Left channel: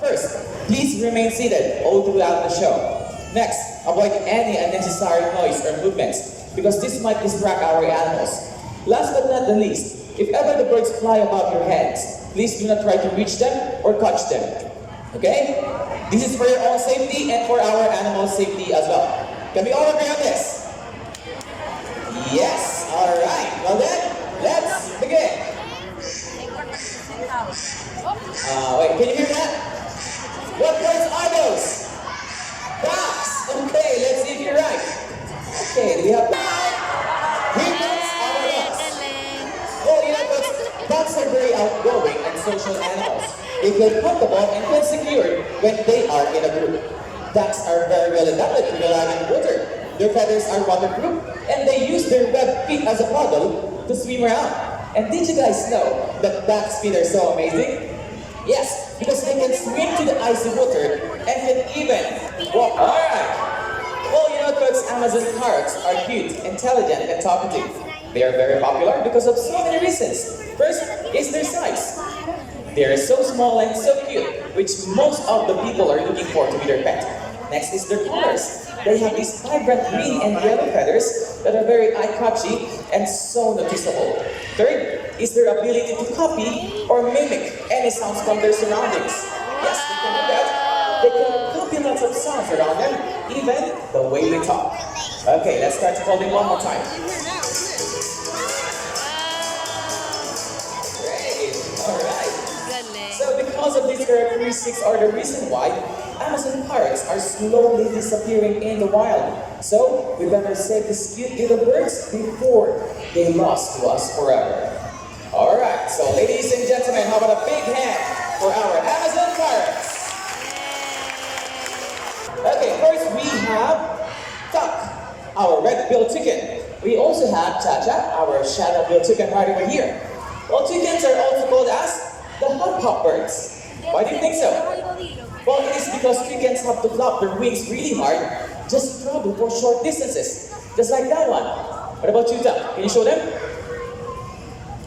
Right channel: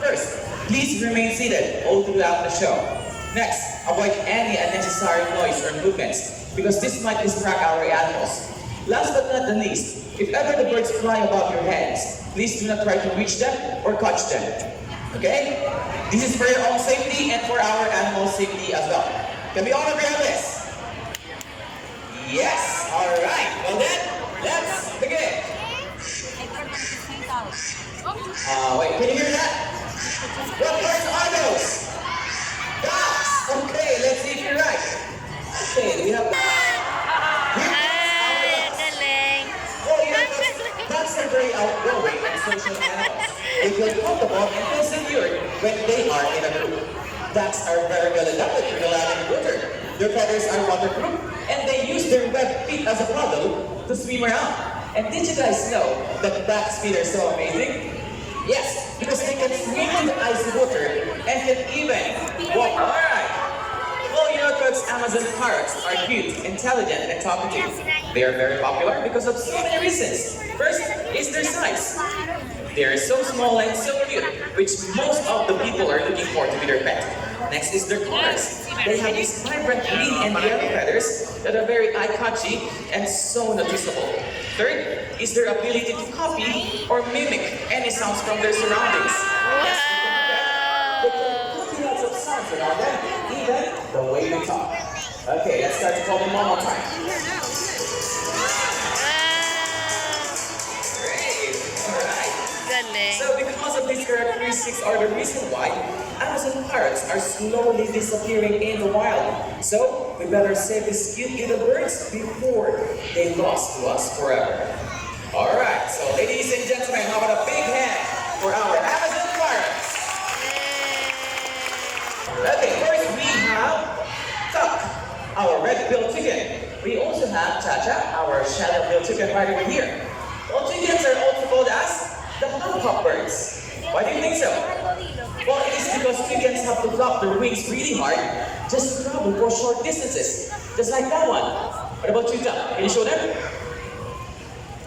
First, please remain seated all throughout the show. Next, avoid any unnecessary noise or movements because this might distract our animals. Last but not the least, if ever the birds fly above your heads, please do not try to reach them or catch them. Okay? This is for your own safety and for our animal safety as well. Can we all agree on this? Yes. All right. Well then, let's begin. Wait, can you hear that? What birds are those? Ducks. Okay, let's see if you're right. Okay, we have ducks are very outgoing and social animals. They feel comfortable and feel secure when they are in a group. Ducks are very well adapted to the land and water. Their feathers are waterproof and they use their webbed feet as a paddle to swim around. And did you guys know that ducks' feet are so amazing? Yes, because they can swim to the icy water and can even walk. Alright! Well, you know, folks, Amazon parrots are cute, intelligent, and talkative. They are very popular because of so many reasons. First is their size. They are so small and so cute, which most of the people are looking for to be their pet. Next is their colors. They have these vibrant green and yellow feathers that are very eye-catchy and so noticeable. Third is their ability to copy or mimic any sounds from their surroundings. Yes, they can do that. They can copy lots of sounds around them, even the way they talk. Okay, let's start to call them one more time. So because of these characteristics are the reason why Amazon parrots are slowly disappearing in the wild. So we better save these cute little birds before they lost to us forever. Alright, so ladies and gentlemen, how about a big hand for our Amazon parrots? Okay, first we have Tuck, our red-billed chicken. We also have Cha-Cha, our shadow-billed chicken right over here. Well, chickens are also called as the hop birds. Why do you think so? Well, it is because chickens have to flap their wings really hard just to travel for short distances. Just like that one. What about you, Tuck? Can you show them?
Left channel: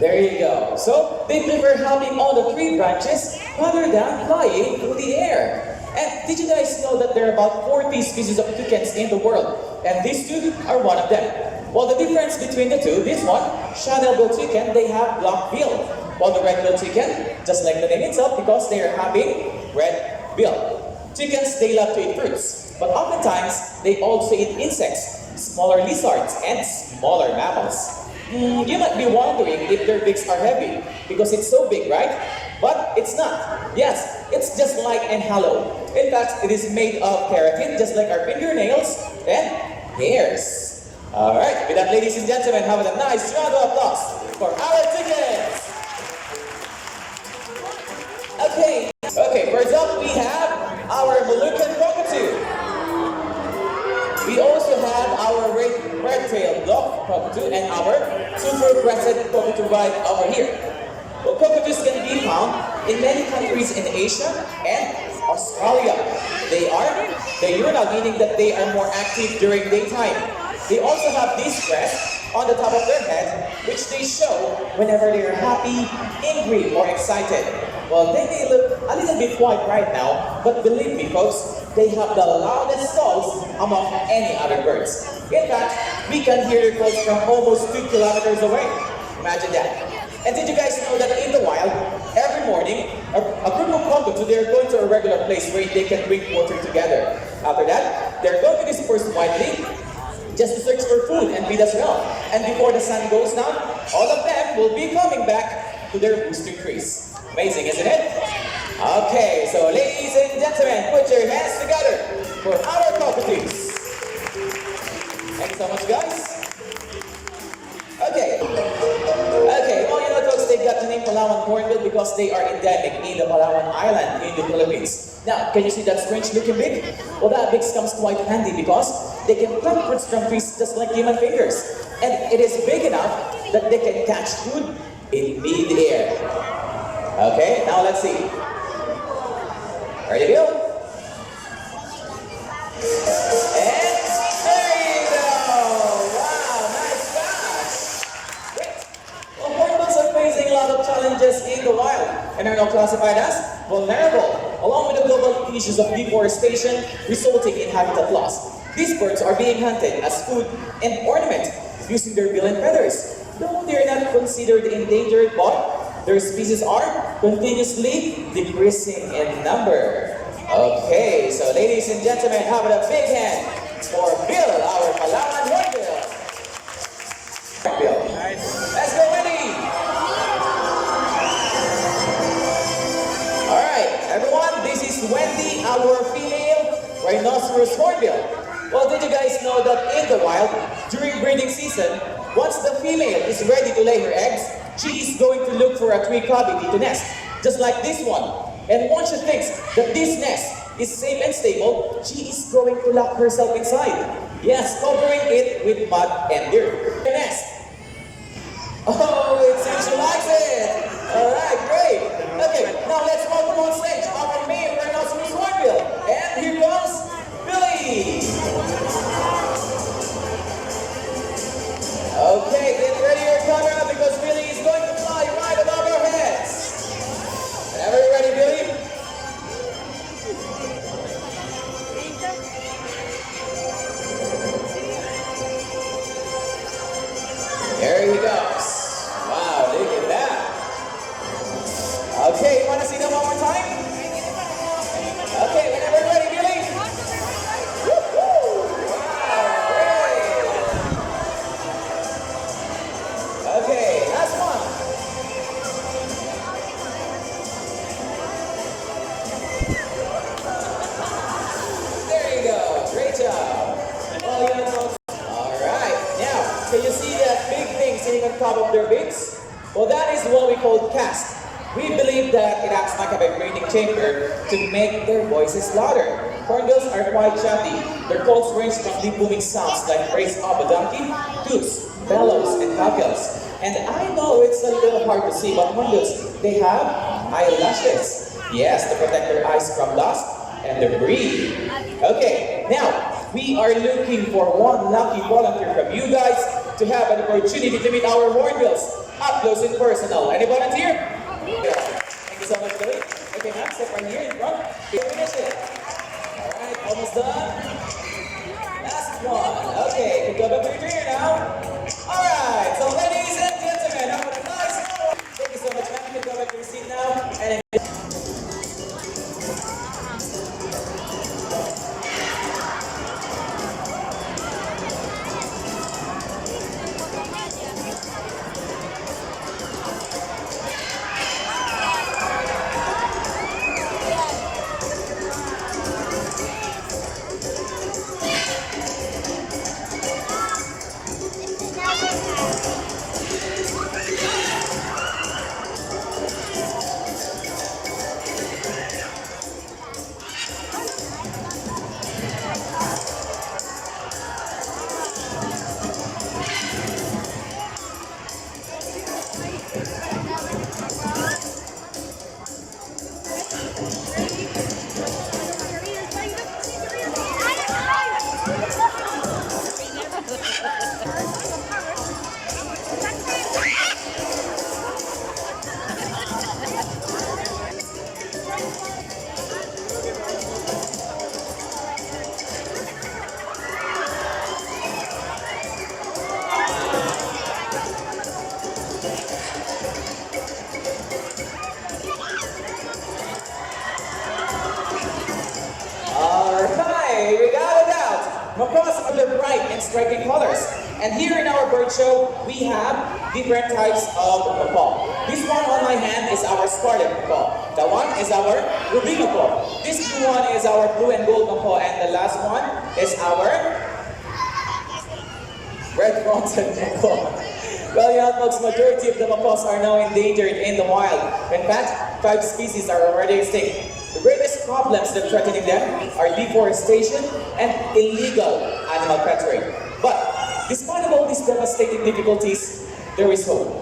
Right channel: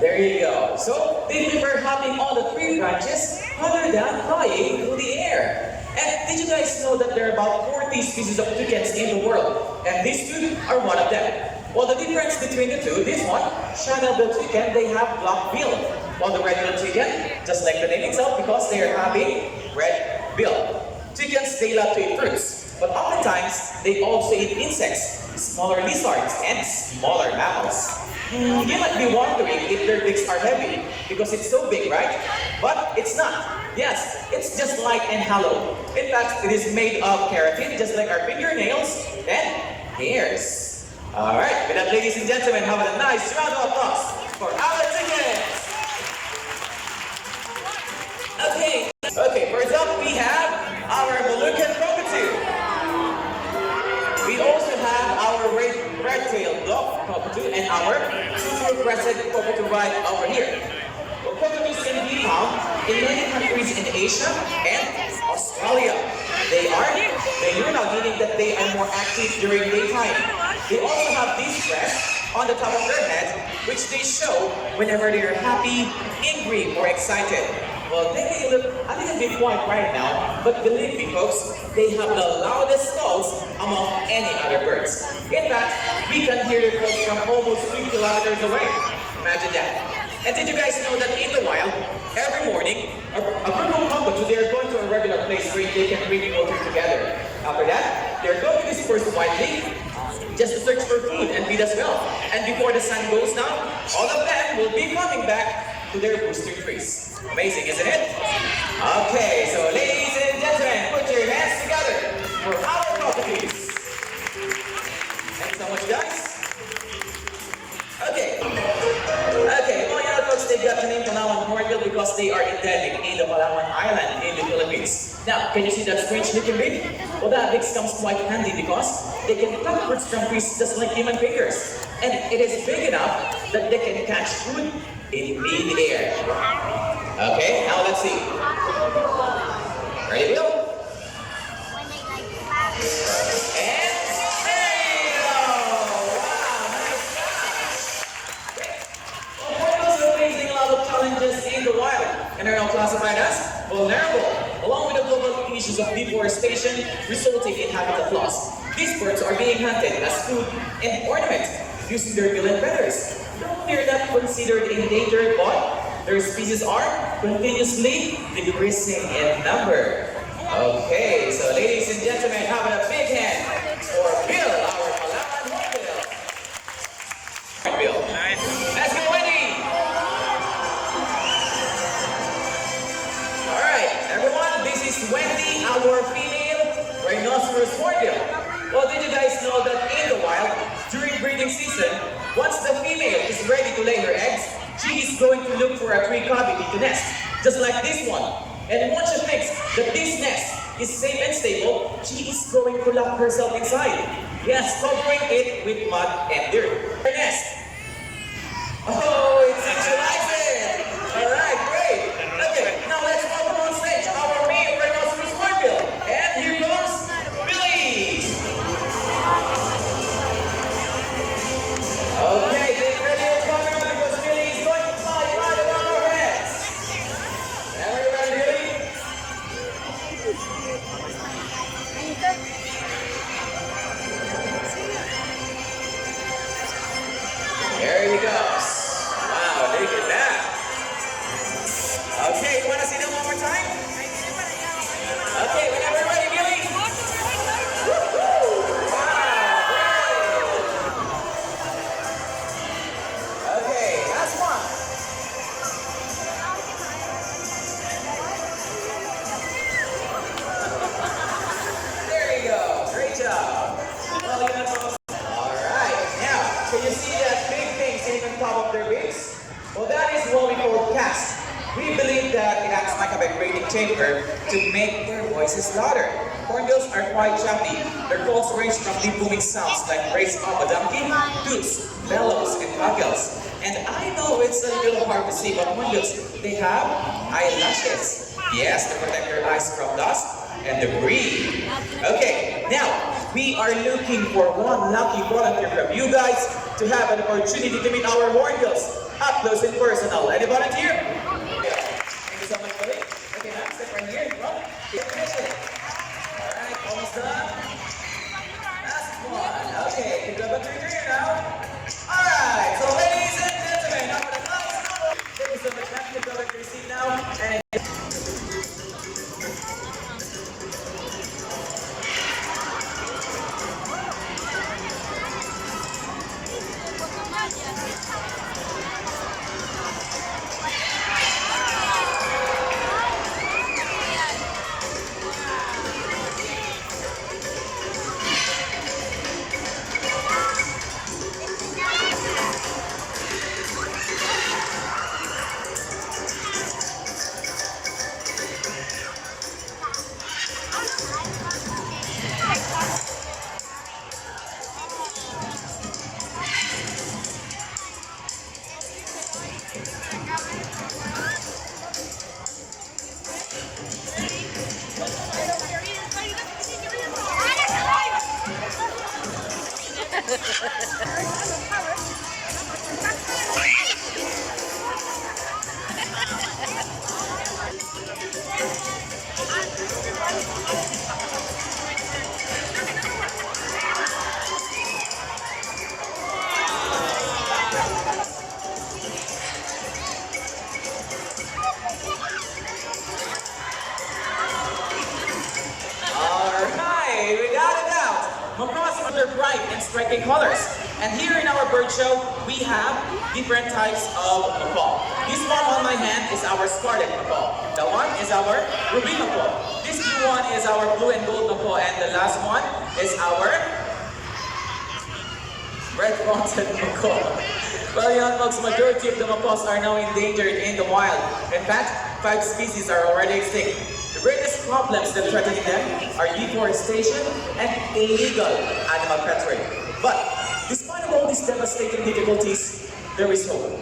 There you go. So, they prefer hopping on the tree branches rather than flying through the air. And did you guys know that there are about 40 species of chickens in the world? And these two are one of them. Well, the difference between the two, this one, shadow-billed chicken, they have black bill. While the red-billed chicken, just like the name itself, because they are having red bill. Chickens, they love to eat fruits, but oftentimes they also eat insects, smaller lizards, and smaller mammals. You might be wondering if their beaks are heavy, because it's so big, right? But it's not. Yes, it's just light and hollow. In fact, it is made of keratin, just like our fingernails and hairs. Alright, with that, ladies and gentlemen, have a nice round of applause for our chickens! Okay, first up we have our Moluccan cockatoo. We also have our red-tailed black cockatoo and our super-crested cockatoo right over here. Well, cockatoos can be found in many countries in Asia and Australia. They are diurnal, meaning that they are more active during daytime. They also have this crest on the top of their head, which they show whenever they are happy, angry, or excited. Well, they may look a little bit quiet right now, but believe me folks, they have the loudest calls among any other birds. In fact, we can hear their calls from almost 2 kilometers away. Imagine that. And did you guys know that in the wild, every morning, a group of cockatoos, they are going to a regular place where they can drink water together. After that, they're going to disperse widely, just to search for food and feed as well. And before the sun goes down, all of them will be coming back to their roosting trees. Amazing, isn't it? Okay, so ladies and gentlemen, put your hands together for our cockatoos. Thanks so much, guys. Okay, well, you know, folks, they've got the name Palawan Hornbill because they are endemic in the Palawan Island in the Philippines. Now, can you see that strange looking beak? Well, that beak comes quite handy because they can pluck fruits from trees just like human fingers. And it is big enough that they can catch food in mid-air. Okay, now let's see. Ready to go? And there you go! Wow, nice catch! Well, hornbills are facing a lot of challenges in the wild and are now classified as vulnerable. along with the global issues of deforestation resulting in habitat loss. These birds are being hunted as food and ornament using their bill and feathers. Though they are not considered endangered, but their species are continuously decreasing in number. Okay, so ladies and gentlemen, how about a big hand for Bill, our Palawan hornbill. Bill. Nice. Let's go, Wendy! Alright, everyone, this is Wendy, our female rhinoceros hornbill. Well, did you guys know that in the wild, during breeding season, once the female is ready to lay her eggs, she is going to look for a tree cavity to nest, just like this one. And once she thinks that this nest is safe and stable, she is going to lock herself inside. Yes, covering it with mud and dirt. Her nest. Oh, it seems you like it. Alright, great. Okay, now let's welcome on stage our main rhinoceros hornbill. And here goes Billy. Okay, get ready your camera because Billy is going to fly right above our heads. Are you ready, Billy? There he goes. Wow, look at that. Okay, you want to see that one more time? Okay, whenever you're ready, Billy. Woo-hoo! Wow, great. Okay, last one. There you go. Great job. Well, you know, alright, now, so you see that big thing sitting on top of their beaks? Well, that is what we call cast. We believe that it acts like a vibrating chamber to make their voices louder. Hornbills are quite chatty. Their calls range from deep booming sounds like praise of a donkey, toots, bellows, and cackles. And I know it's a little hard to see, but hornbills, they have eyelashes. Yes, to protect their eyes from dust and debris. Okay, now, we are looking for one lucky volunteer from you guys to have an opportunity to meet our hornbills up close and personal. Any volunteer? Thank you so much, Billy. Okay, now step right here in front. Alright, almost done. Last one. Okay, pick up a picture now. Alright, so ladies and gentlemen, have a nice hour. Thank you so much, man. Pick up your seat now. And bright and striking colors. And here in our bird show, we have different types of macaw. This one on my hand is our scarlet macaw. The one is our ruby macaw. This blue one is our blue and gold macaw. And the last one is our red-fronted macaw. Well, young folks, majority of the macaws are now endangered in the wild. In fact, 5 species are already extinct. The greatest problems that threatening them are deforestation and illegal animal catching. But despite of all these devastating difficulties, there is hope.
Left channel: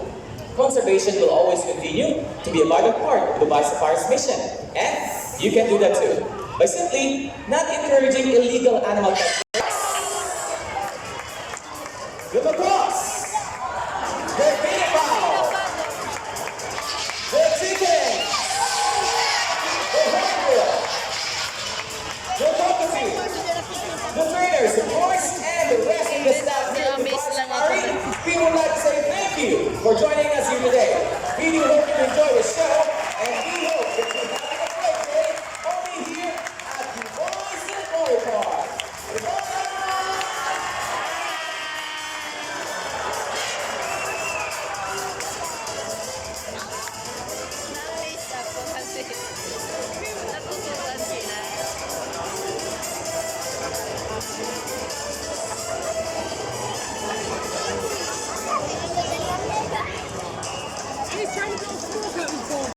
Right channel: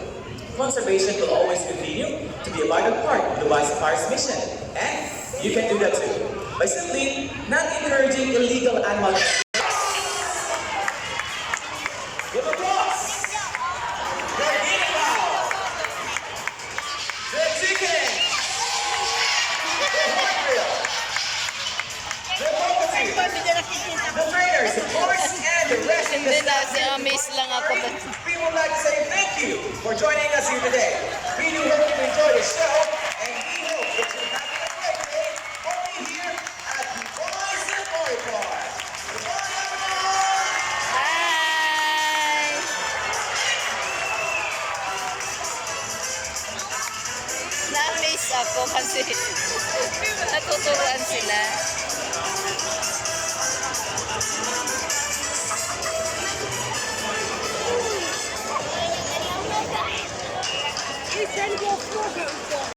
Conservation will always continue to be a vital part of the Biosafari's mission. And you can do that too, by simply not encouraging illegal animal catching. The macaws, the guinea fowl, the chicken, the hornbill, the trainers, of course, and the rest of the Hindi staff na, here at the amaze lang ako. party, we would like to say thank you for joining us here today. We do hope you enjoy the show, and we hope that you're having a great day only here at the Boys and Boy Park. Goodbye, everyone! Hi! Na-amaze ako kasi natuturuan sila.